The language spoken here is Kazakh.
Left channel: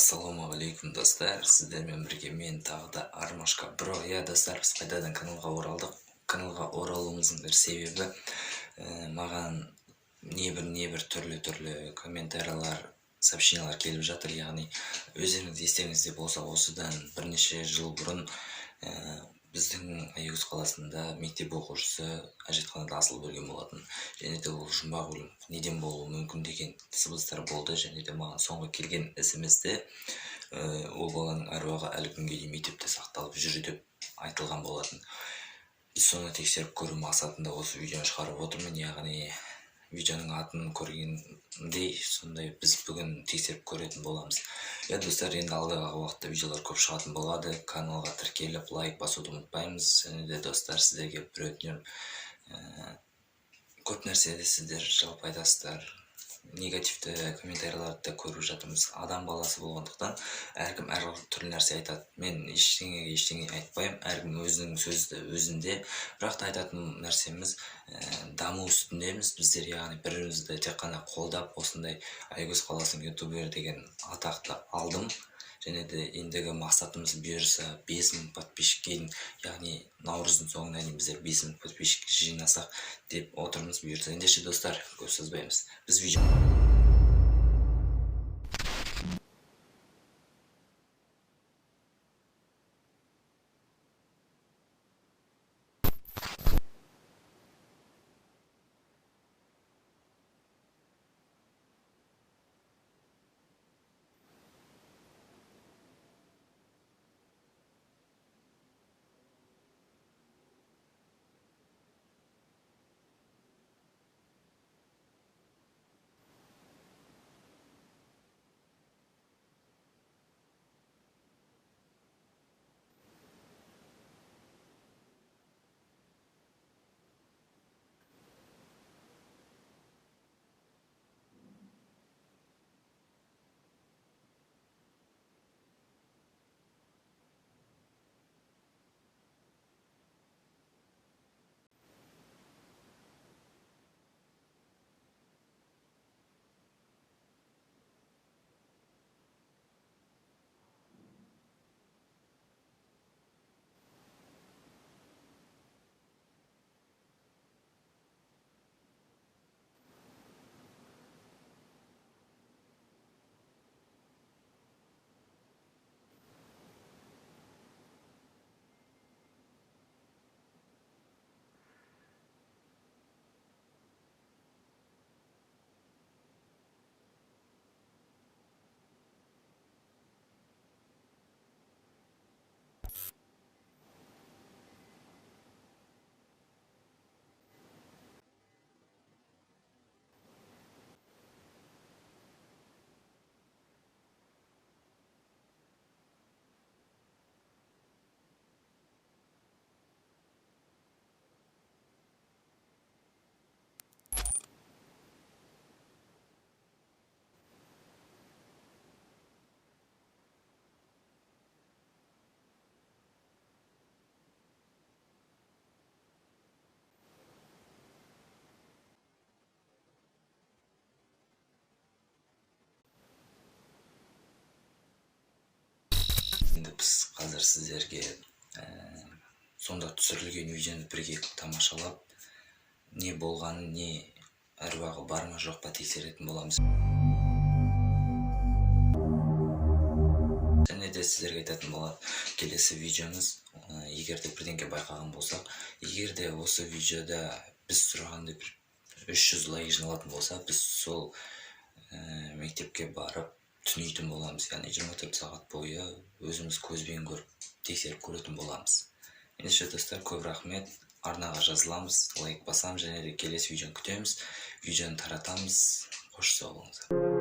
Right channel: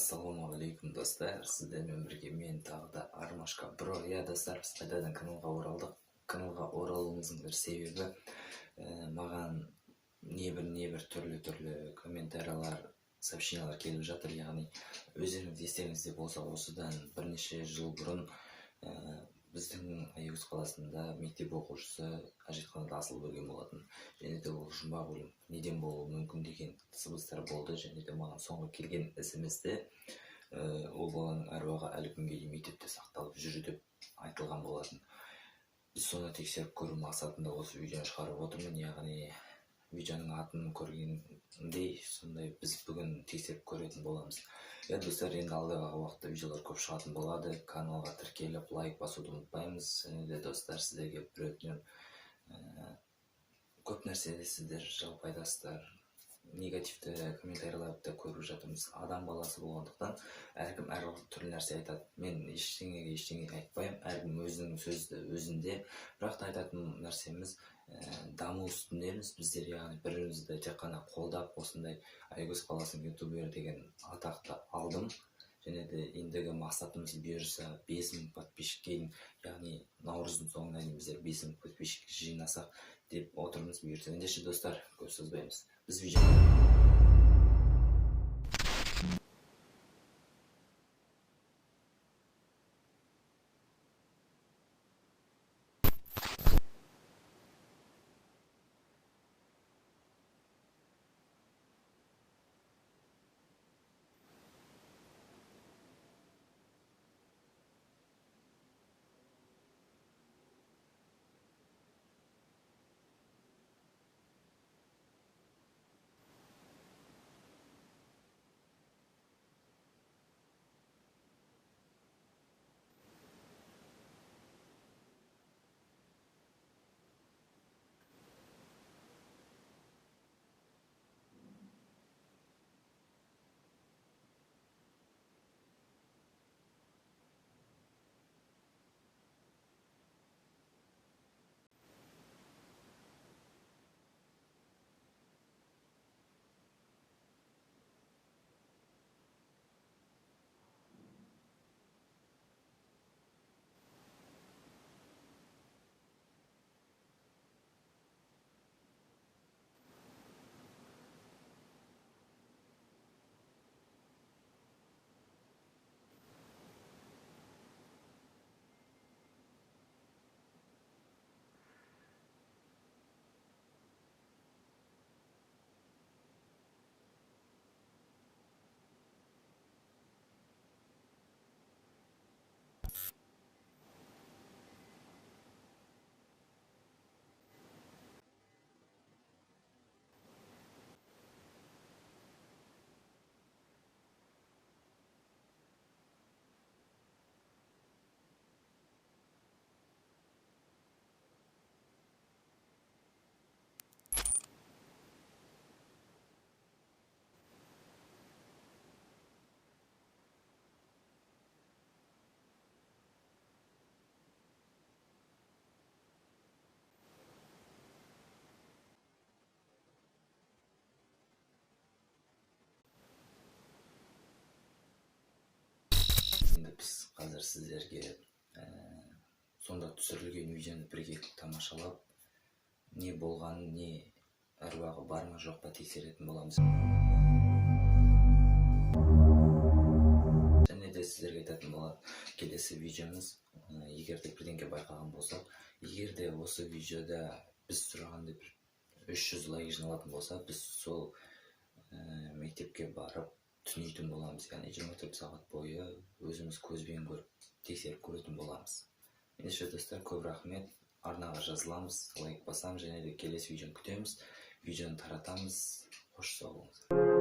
Ассалаумағалейкум достар, сіздермен бірге мен тағы да Армашка Бро. Достар, біз қайтадан каналға оралдық. Каналға оралуымыздың бір себебі маған небір түрлі комментариялар, сообщениялар келіп жатыр. Яғни өздеріңіз естеріңізде болса, осыдан бірнеше жыл бұрын біздің Аягөз қаласында мектеп оқушысы әжетханада асылып өлген болатын. Және де ол жұмбақ өлім неден болуы мүмкін деген сыбыстар болды. Және де маған соңғы келген ісімізде ол баланың әруағы әлі күнге дейін мектепте сақталып жүр деп айтылған болатын. Біз соны тексеріп көру мақсатында осы видеоны шығарып отырмын. Яғни видеоның атын көргендей, сондай біз бүгін тексеріп көретін боламыз. Достар, енді алдағы уақытта видеолар көп шығатын болады. Каналға тіркеліп, лайк басуды ұмытпаймыз. Және де достар, сіздерге бір өтінем, көп нәрседе сіздер жалпы айтасыздар, негативті комментарияларды көріп жатырмыз. Адам баласы болғандықтан әркім әр түрлі нәрсе айтады. Мен ештеңе айтпаймын, әркім өзінің сөзді өзінде. Бірақ та айтатын нәрсеміз, даму үстіндеміз біздер, яғни бірімізді тек қана қолдап, осындай Аягөз қаласының ютубер деген атақты алдым. Және де ендігі мақсатымыз бұйырса 5000 подписчикке, яғни наурыздың соңына дейін біздер 5000 подписчик жинасақ деп отырмыз бұйырса. Ендеше достар, көп созбаймыз. Біз видео біз қазір сіздерге сонда түсірілген видеоны бірге тамашалап, не болғанын, не әруағы бар ма жоқ па тексеретін боламыз. Және де сіздерге айтатын болады, келесі видеомыз, егер де бірдеңке байқаған болсақ, егер де осы видеода біз сұрағандай 300 лайк жиналатын болса, біз сол мектепке барып түнейтін боламыз. Яғни 24 сағат бойы өзіміз көзбен көріп, тексеріп көретін боламыз. Ендеше достар, көп рахмет. Арнаға жазыламыз, лайк басамыз, және де келесі видеоны күтеміз. Видеоны таратамыз. Қош сау болыңыздар.